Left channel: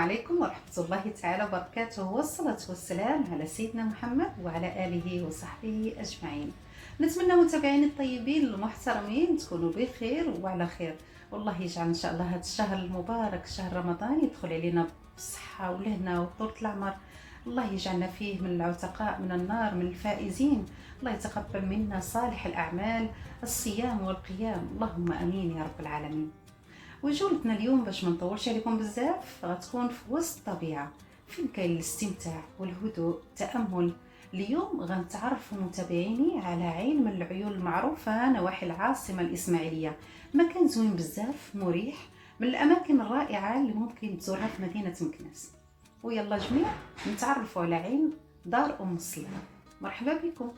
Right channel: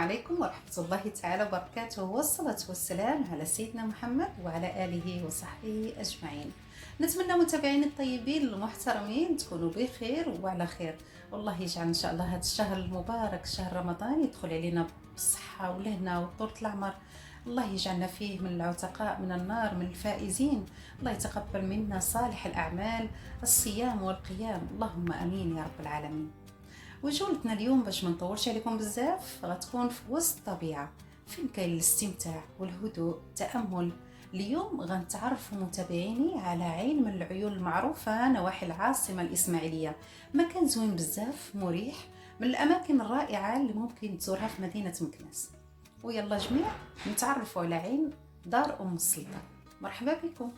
عليكم ورحمة الله تعالى وبركاته، والصلاة والسلام على سيدنا محمد وعلى آله وصحبه أجمعين. نتمنى متابعين الطيبين المحترمين تكونوا بخير وعلى خير، والله يجعل إن شاء الله هذا الشهر المبارك شهر رمضان يدخل علينا بالصحة والهنا وطولة العمر. الله يجعلنا فيه من العتقاء من النار، من الفائزين. الله يتقبل منا صالح الأعمال، الصيام والقيام، اللهم أمين يا رب العالمين. وجولتنا اليوم باش ما نطولش عليكم بزاف غتكون في وسط الطبيعة، فين كاين الاستمتاع والهدوء التأمل. اليوم غنتعرفوا متابعيني على عين من العيون المعروفة نواحي العاصمة الإسماعيلية، مكان زوين بزاف مريح، من الأماكن الرائعة اللي ممكن تزورها في مدينة مكناس. ويلا جميع نتعرفوا على عين دار أم السلطان. مرحبا بكم.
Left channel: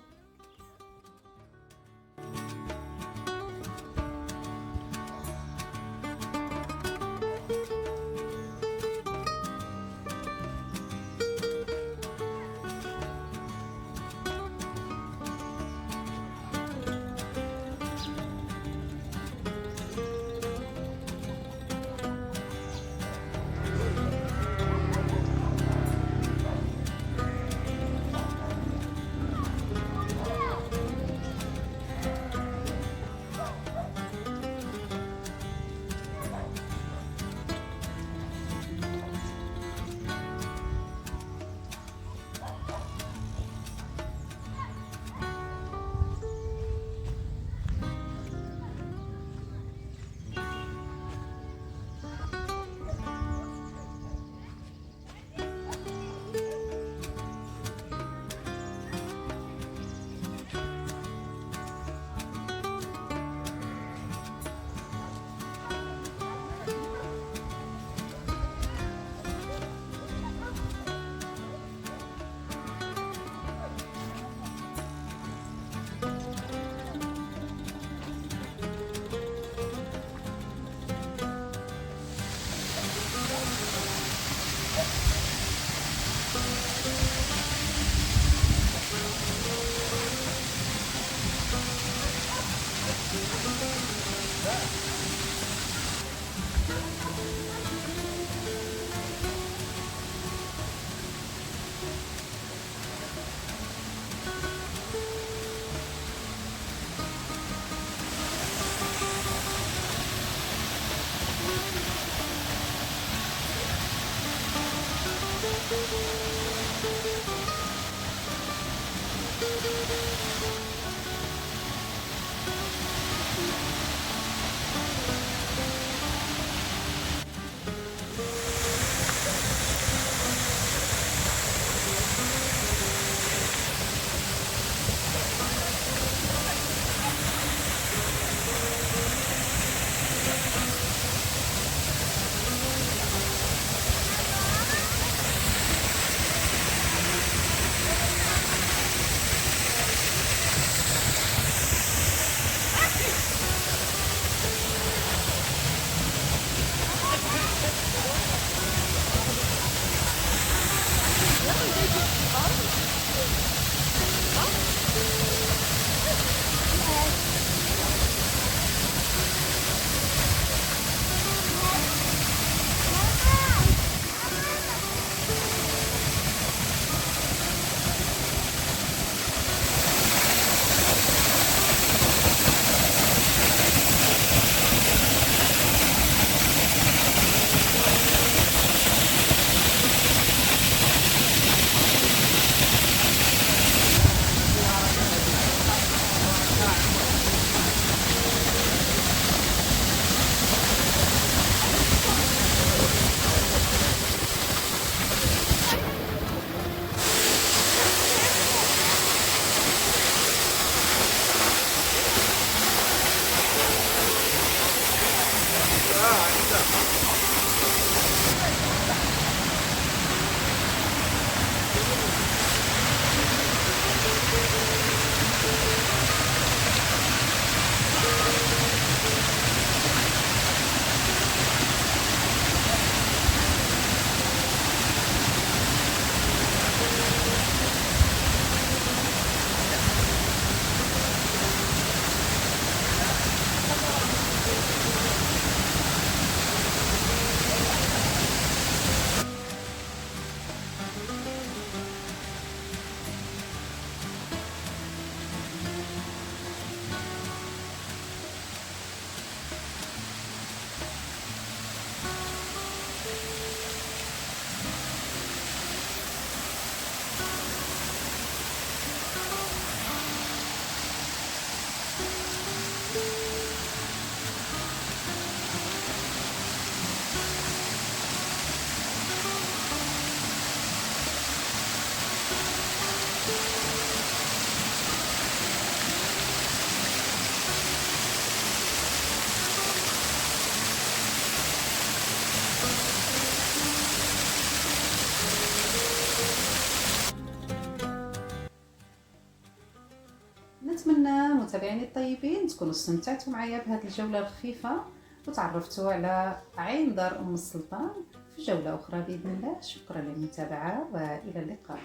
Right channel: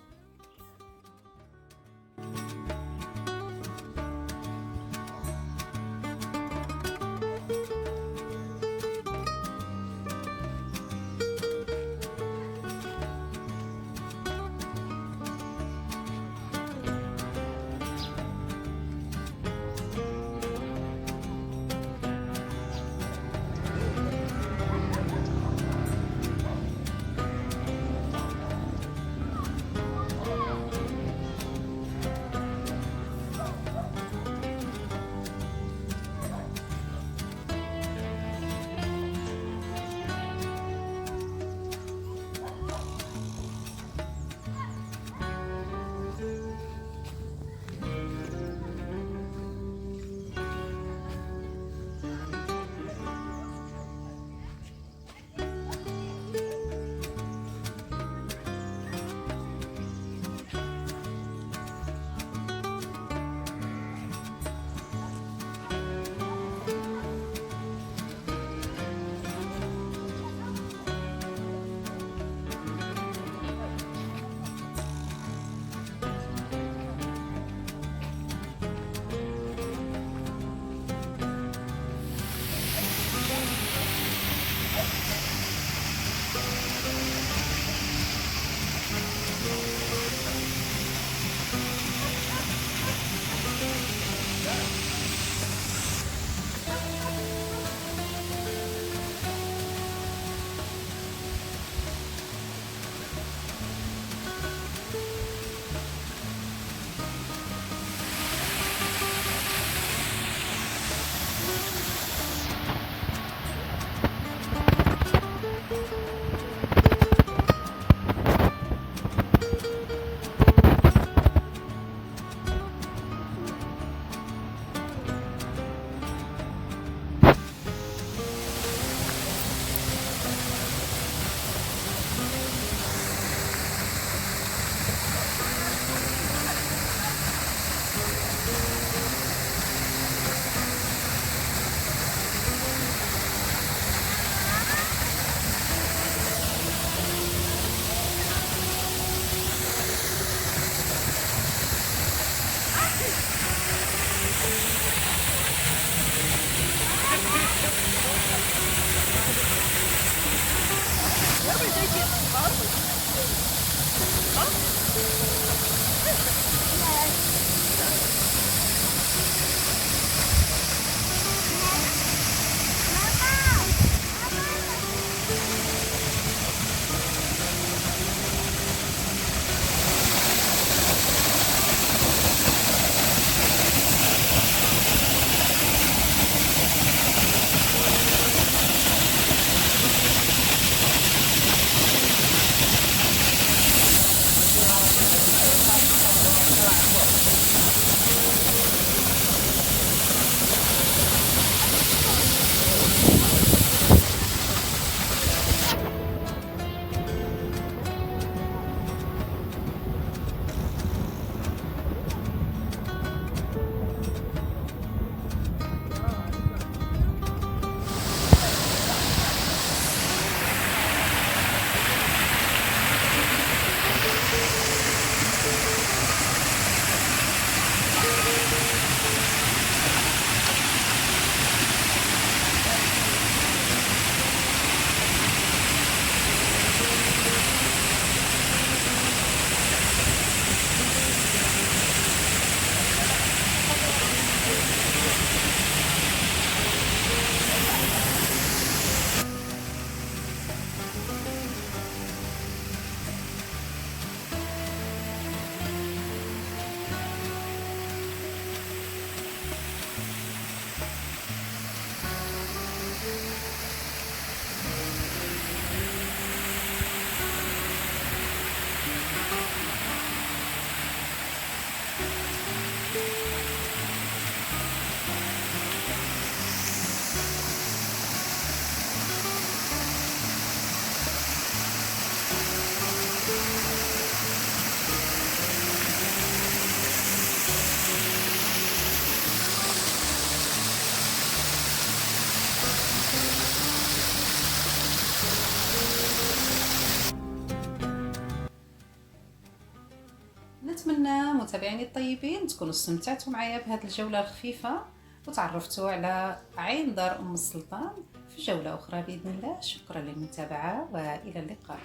كنتمنى متابعيني الطيبين تكونوا استمتعتوا معايا بهذه الجولة الخفيفة وتعرفتوا على عين دار السلطان في جولة أخرى بإذن الله. شكرا للمتابعة وإلى اللقاء.